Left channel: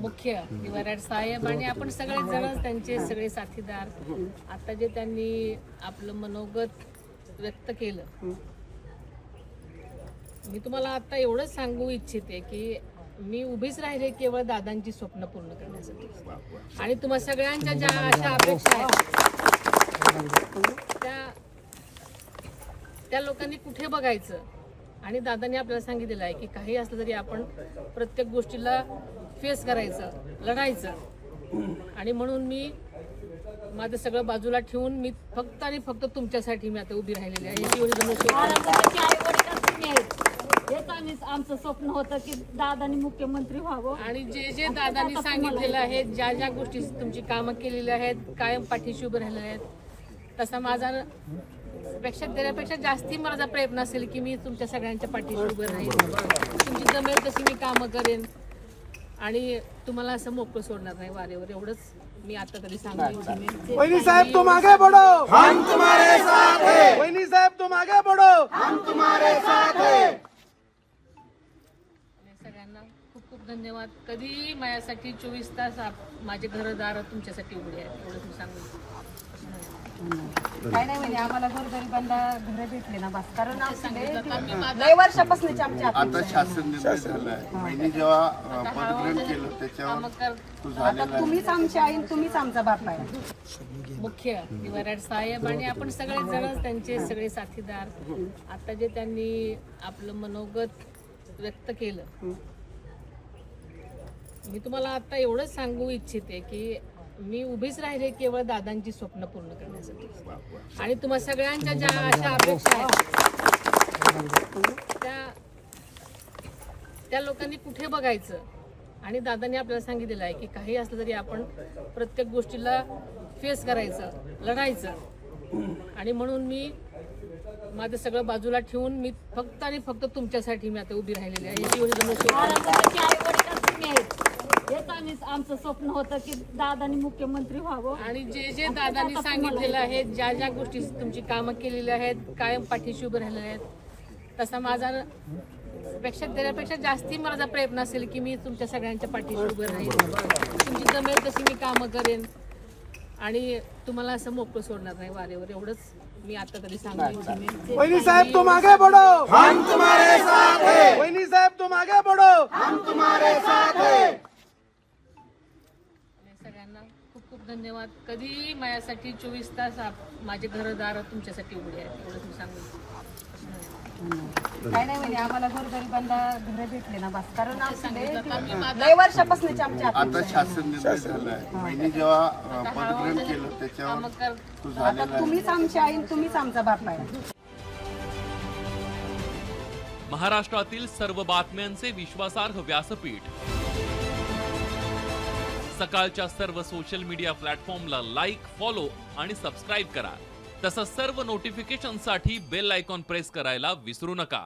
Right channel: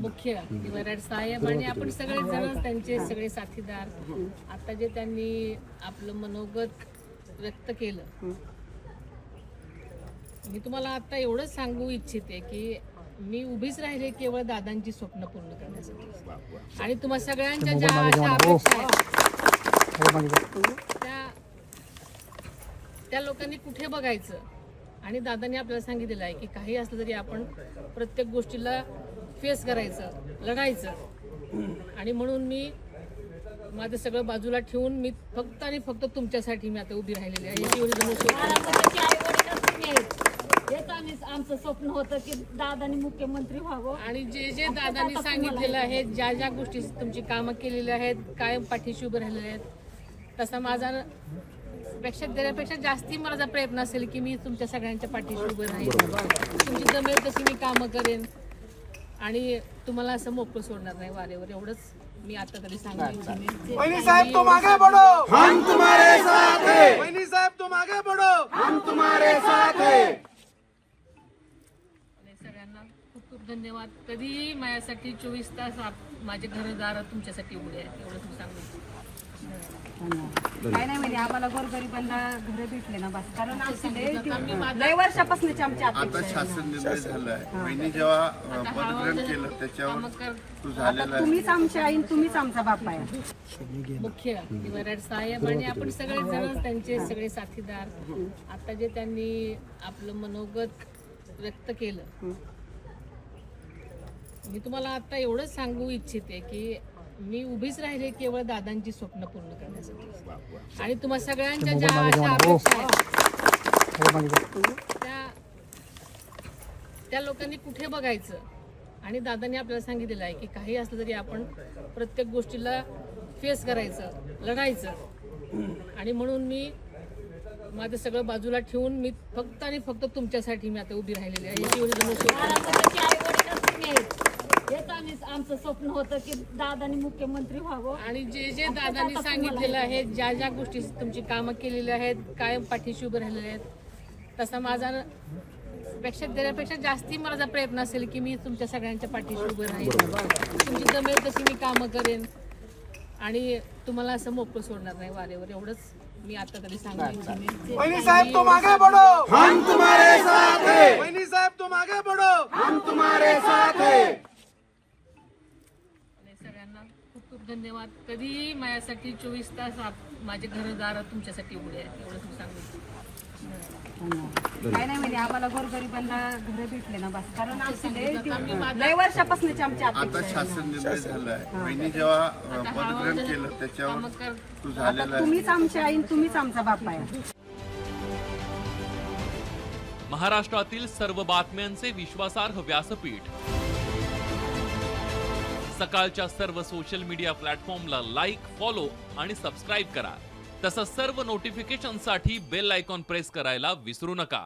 मुख्य वराड साहेब आणि आपण सगळे जण त्यांचे सगळे साथीदार आता जे त्यांनी आपलं मनोगत व्यक्त केलं, मी तुम्हाला आता एवढंच सांगू इच्छिते की मी उभीच राहिले केवळ दादांची स्वप्न पूर्ण करण्यासाठी आणि तुम्हा सगळ्यांच्या ज्या अशा अपेक्षा आहेत त्या लोकांनी कुठे बघायचं. आणि दादांनी आपल्याला सांगितलेलं आहे की काही असलं तरी आपण प्रत्येक गोष्टीला फेस करायचं, लढायचं. आणि म्हणून मी माझं सगळं बाजूला ठेवून मी फक्त आणि फक्त तुमच्यासाठी मी आता उभी राहिलेली आहे. हेच आमचं स्वप्न होतं की दादांनी मुख्यमंत्री व्हावं. आणि जे जे दादांनी सांगितलेलं आहे, ज्या ज्या गोष्टी तुमची कामं केलेली आहेत, कायम पाठीशी उभे राहिलेले आहेत, तसा माझा त्यापेक्षा जास्ती माझा प्रयत्न असेल की मी तुमच्या सगळ्यांच्या पाठीशी उभं राहील. तुमची जमेल तशी मी कामं करेन आणि तुम्हाला असं मोकळं सोडणार नाही वारेवर. एवढंच मी आता तरी सांगितलं. वहिनी साहब तुम आगे बढ़ो, हम तुम्हारे साथ हैं. वहिनी साहब तुम आगे बढ़ो, हम तुम्हारे साथ हैं. सगळ्यांना खूप खूप धन्यवाद. कधीही माझ्यासाठी 24 तास माझे घरदार तुमच्यासाठी उघडे आहेत. एवढंच मी सांगेन. काय नाही म्हणजे आम्हाला गोरगरिबांना घर भेटले ना बस. कारण लय वर्षापासूनच आमच्या आता शासन निर्णय झाला आहे. वहिनी जेव्हा पदग्रहण केलं त्याच्यावर तो झालेला आहे. तुम्हीच आमच्या आई, तुम्हीच आमचा बाप आहे. मुख्य वराड साहेब आणि आपण सगळे जण त्यांचे सगळे साथीदार आता जे त्यांनी आपलं मनोगत व्यक्त केलं, मी तुम्हाला आता एवढंच सांगू इच्छिते की मी उभीच राहिले केवळ दादांची स्वप्न पूर्ण करण्यासाठी आणि तुम्हा सगळ्यांच्या ज्या अशा अपेक्षा आहेत त्या लोकांनी कुठे बघायचं. आणि दादांनी आपल्याला सांगितलेलं आहे की काही असलं तरी आपण प्रत्येक गोष्टीला फेस करायचं, लढायचं. आणि म्हणून मी माझं सगळं बाजूला ठेवून मी फक्त आणि फक्त तुमच्यासाठी मी आता उभी राहिलेली आहे. हेच आमचं स्वप्न होतं की दादांनी मुख्यमंत्री व्हावं. आणि जे जे दादांनी सांगितलेलं आहे, ज्या ज्या गोष्टी तुमची कामं केलेली आहेत, कायम पाठीशी उभे राहिलेले आहेत, तसा माझा त्यापेक्षा जास्ती माझा प्रयत्न असेल की मी तुमच्या सगळ्यांच्या पाठीशी उभं राहील. तुमची जमेल तशी मी कामं करेन आणि तुम्हाला असं मोकळं सोडणार नाही वारेवर. एवढंच मी आता तरी सांगितलं. वहिनी साहब तुम आगे बढ़ो, हम तुम्हारे साथ हैं. वहिनी साहब तुम आगे बढ़ो, हम तुम्हारे साथ हैं. सगळ्यांना खूप खूप धन्यवाद. कधीही माझ्यासाठी 24 तास माझे घरदार तुमच्यासाठी उघडे आहेत. एवढंच मी सांगेन. काय नाही म्हणजे आम्हाला गोरगरिबांना घर भेटले ना बस. कारण लय वर्षापासूनच आमच्या आता शासन निर्णय झाला आहे. वहिनी जेव्हा पदग्रहण केलं त्याच्यावर तो झालेला आहे. तुम्हीच आमच्या आई, तुम्हीच आमचा बाप आहे. महाराष्ट्रातील सर्व बातम्यांचे विश्वासार्ह व्यासपीठ. सकाळच्या सर्व सोशल मीडिया प्लॅटफॉर्मला लाईक, फॉलो आणि सबस्क्राईब करा. तसंच सर्व नोटिफिकेशनसाठी बेल आयकॉन प्रेस करायला विसरू नका.